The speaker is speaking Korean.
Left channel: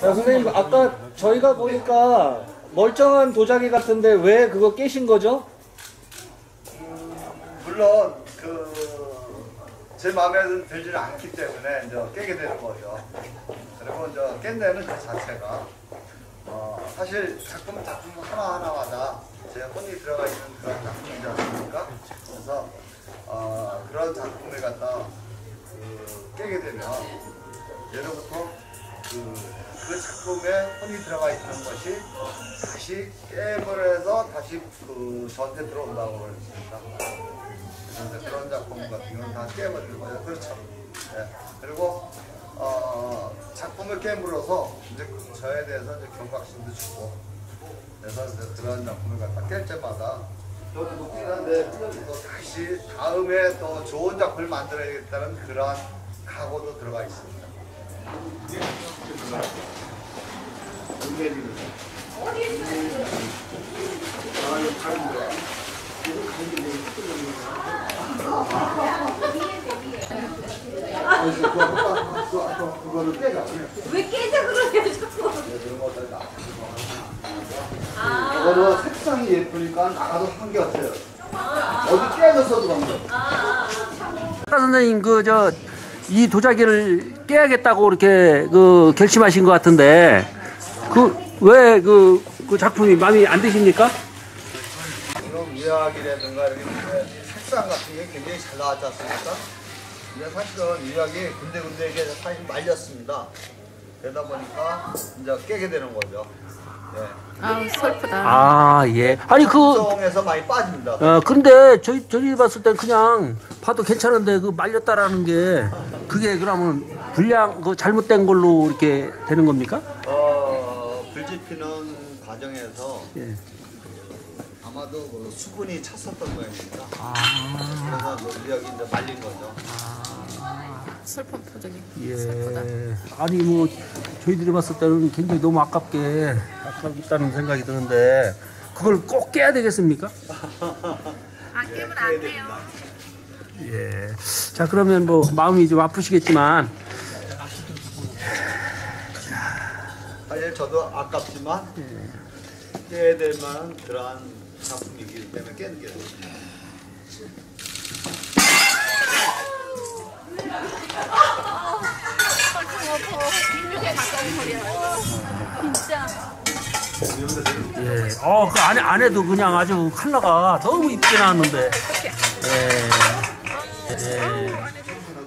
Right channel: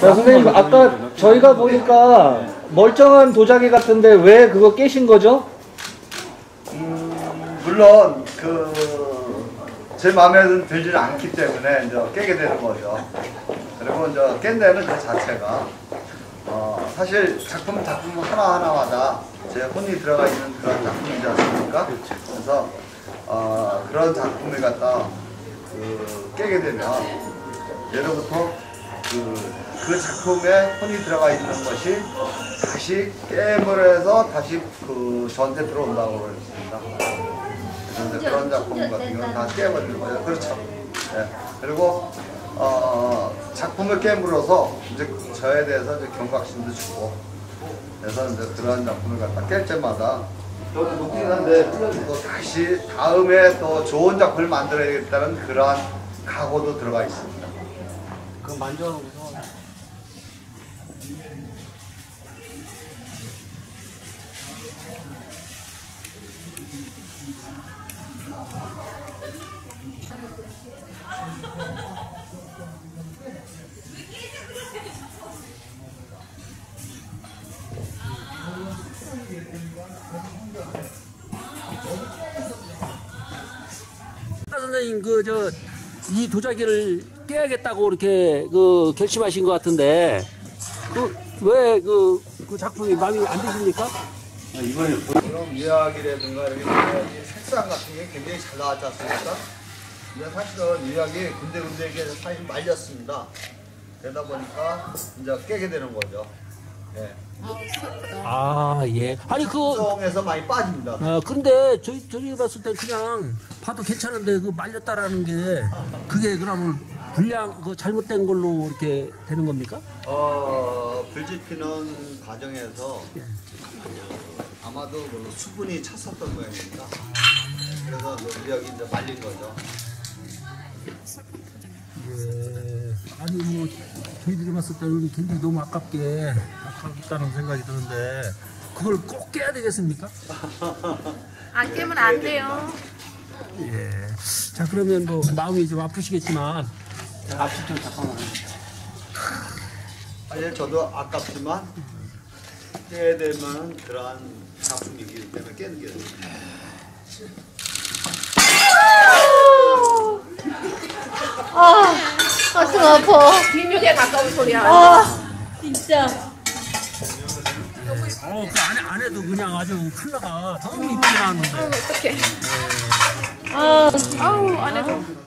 선생님, 아까 저희가 보니까 멀쩡한 도자기 같은데 왜 그거 깨신 거죠? 물론 제 마음에 들지 않기 때문에 이제 깨게 되는 거죠. 그리고 이제 깬다는 그 자체가 사실 작품 하나하나마다 제 혼이 들어가 있는 그런 작품이지 않습니까? 그래서 그런 작품을 갖다 깨게 되면 예로부터 그 작품에 혼이 들어가 있는 것이 다시 깨임을 해서 다시 저한테 들어온다고 그랬습니다. 그런 작품 같은 경우는 다 깨버리는 거예요. 그렇죠. 네. 그리고 작품을 깨물어서 이제 저에 대해서 이제 경각심도 주고, 그래서 이제 그러한 작품을 갖다 깰 때마다 또 다시 다음에 또 좋은 작품을 만들어야겠다는 그러한 각오도 들어가 있습니다. 그거를 깨자. 왜 깨자 그러냐 자꾸. 이거는 색상이 예쁘니까 나가도 한게 어디 깨졌어도 안 돼. 아까 선생님 이 도자기를 깨야겠다고 이렇게 결심하신 것 같은데 왜 그 작품이 마음에 안 드십니까? 그럼 유약이라든가 이렇게 색상 같은 게 굉장히 잘 나왔지 않습니까? 근데 사실은 유약이 군데군데 이게 사실 말렸습니다. 그러다 보니까 이제 깨게 되는 거죠. 예. 아 슬프다. 아 예. 아니 성에서 많이 빠집니다. 근데 저희 봤을 땐 그냥 봐도 괜찮은데 말렸다라는 게 그게 그러면 불량 잘못된 걸로 이렇게 되는 겁니까? 불지피는 과정에서 예. 아마도 수분이 찼었던 모양입니다. 그래서 유약이 이제 말린 거죠. 슬픈 표정이. 예. 아니 저희들이 봤을 때는 굉장히 너무 아깝다는 생각이 드는데 그걸 꼭 깨야 되겠습니까? 안 깨면 안 돼요. 예. 자 그러면 마음이 좀 아프시겠지만 사실 저도 아깝지만 깨야 될 만한 그러한 작품이기 때문에 깨는 게 됩니다. 가슴 아파. 빈육에 가까운 소리야. 진짜. 예. 그 안에도 그냥 아주 컬러가 너무 이쁘게 나왔는데. 어떡해. 아우 안에도.